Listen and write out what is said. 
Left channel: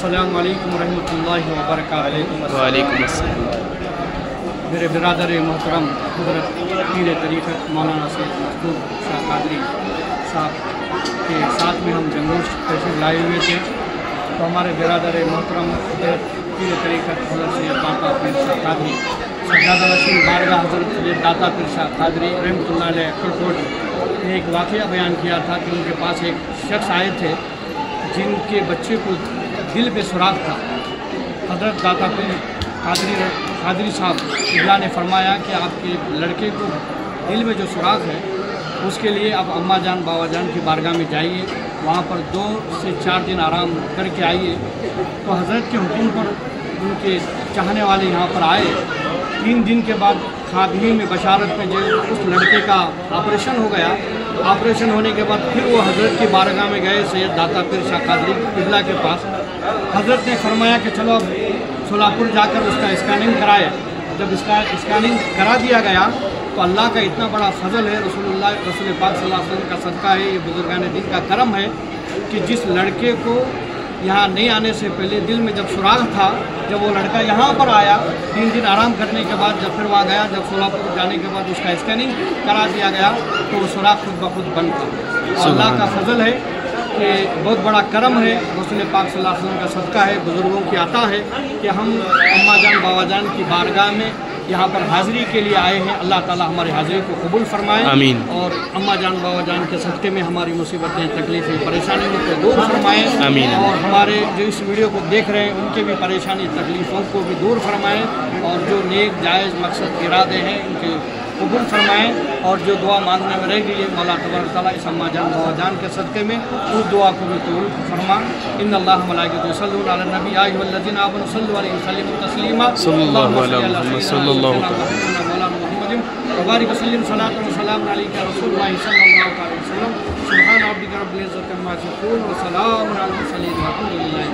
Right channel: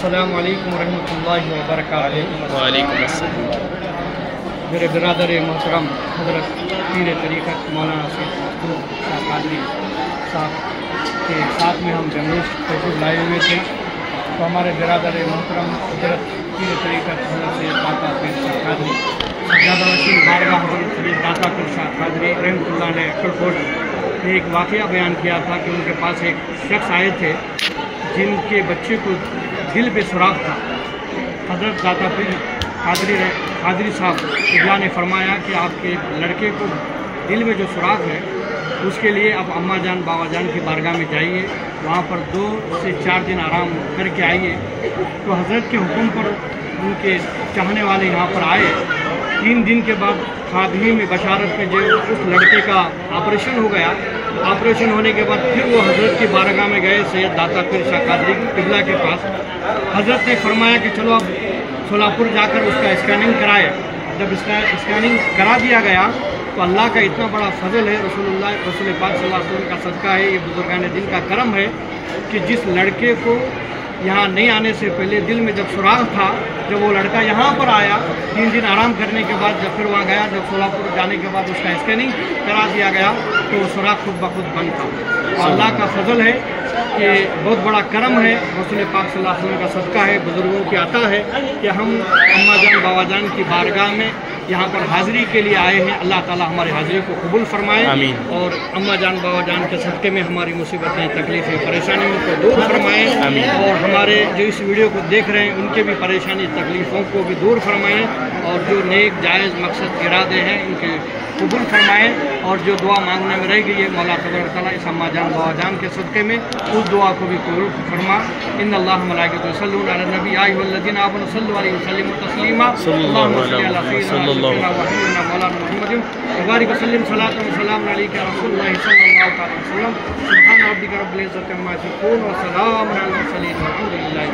अस्सलामु अलैकुम रहमतुल्लाहि व बरकातुहू। वालेकुम अस्सलाम। मेरे बिरादर मोहतरम हज़रत पीर तरीक़त मौलाना सैयद मस्तूर शाह कादरी साहब के साथ में हम बेंगलुरु तशरीफ़ लाए हुए थे। तो हमारे बिरादर मोहतरम हज़रत पीर तरीक़त हज़रत सैयद दाता पीर शाह कादरी सज्जादा नशीन बारगाह हज़रत सैयद दाता पीर शाह कादरी रहमतुल्लाह अलैह अक्कलकोट ने एक वाक़या बयान किया था कि उनके पास एक शख्स आए थे जिनके बच्चे को दिल पे सुराख था। हज़रत दाता पीर कादरी साहब इब्ला ने फरमाया कि आपके लड़के को दिल में जो सुराख है उसके लिए आप अम्मा जान बाबा जान की बारगाह में जाइए, वहाँ पर 2 से 4 दिन आराम करके आइए। तो हज़रत के हुक्म पर उनके चाहने वाले यहाँ पर आए। 3 दिन के बाद खादमी में बशारत में जो उस लड़के का ऑपरेशन हो गया। ऑपरेशन होने के बाद फिर वो हज़रत की बारगाह में गए सैयद दाता पीर शाह कादरी इब्ला के पास। हज़रत ने फरमाया कि चलो अब सोलापुर जाकर उसका स्कैनिंग कराए। जब स्कैनिंग करा दिया गया तो अल्लाह का इतना बड़ा फजल है, रसूल पाक सल्लल्लाहु अलैहि वसल्लम का सदका है, ये बुजुर्गान दिन का करम है कि जिस लड़के को यहाँ नहीं आने से पहले दिल में जब सुराख था, जब वो लड़का यहाँ पर आया 3 दिन आराम करने के बाद जब फिर वहाँ गया, जब सोलापुर जाने के बाद उसका स्कैनिंग करा दिया गया तो वो सुराख खुद ब खुद बंद था। अल्लाह का फजल है कि बहुत बड़ा करम है, रसूल पाक सल्लल्लाहु अलैहि वसल्लम का सदका है, बुज़ुर्गों की अता है कि हम अम्मा जान बाबा जान की बारगाह में यहाँ पर हाज़िरी के लिए आए हैं। अल्लाह ताला हमारी हाज़िरी को कबूल फरमाए आमीन। और अम्मा जान बाबा जान के सदक़े में हमारी मुसीबतें तकलीफ़ें परेशानियों को दूर फरमाएँ आमीन। और हमारे जो इस वीडियो को देख रहे हैं उनके भी परेशानी तकलीफ़ों को भी दूर फरमाएँ और जो नेक जायज़ मकसद इरादे हैं इनके कबूल फरमाएँ और जो दुआ मांगने में रह गई है मौला तबारक तआला इस अम्मा जान बाबा जान के सदक़े में उस दुआ को भी कबूल फरमा। इन्नल्लाह व मलाइकतहु युसल्लूना अलन नबी या अय्युहल्लज़ीना आमनू सल्लु अलैहि व सल्लिमू तस्लीमा सल्लल्लाहु अलैहि वसल्लम व बारिक व सल्लिम सलातन व सलाम अलैका रसूलुल्लाह सल्लल्लाहु अलैहि वसल्लम। सुब्हान रब्बिका रब्बिल इज़्ज़ति अम्मा यसिफून व सलामुन अलल मुरसलीन वल्हम्दुलिल्लाहि।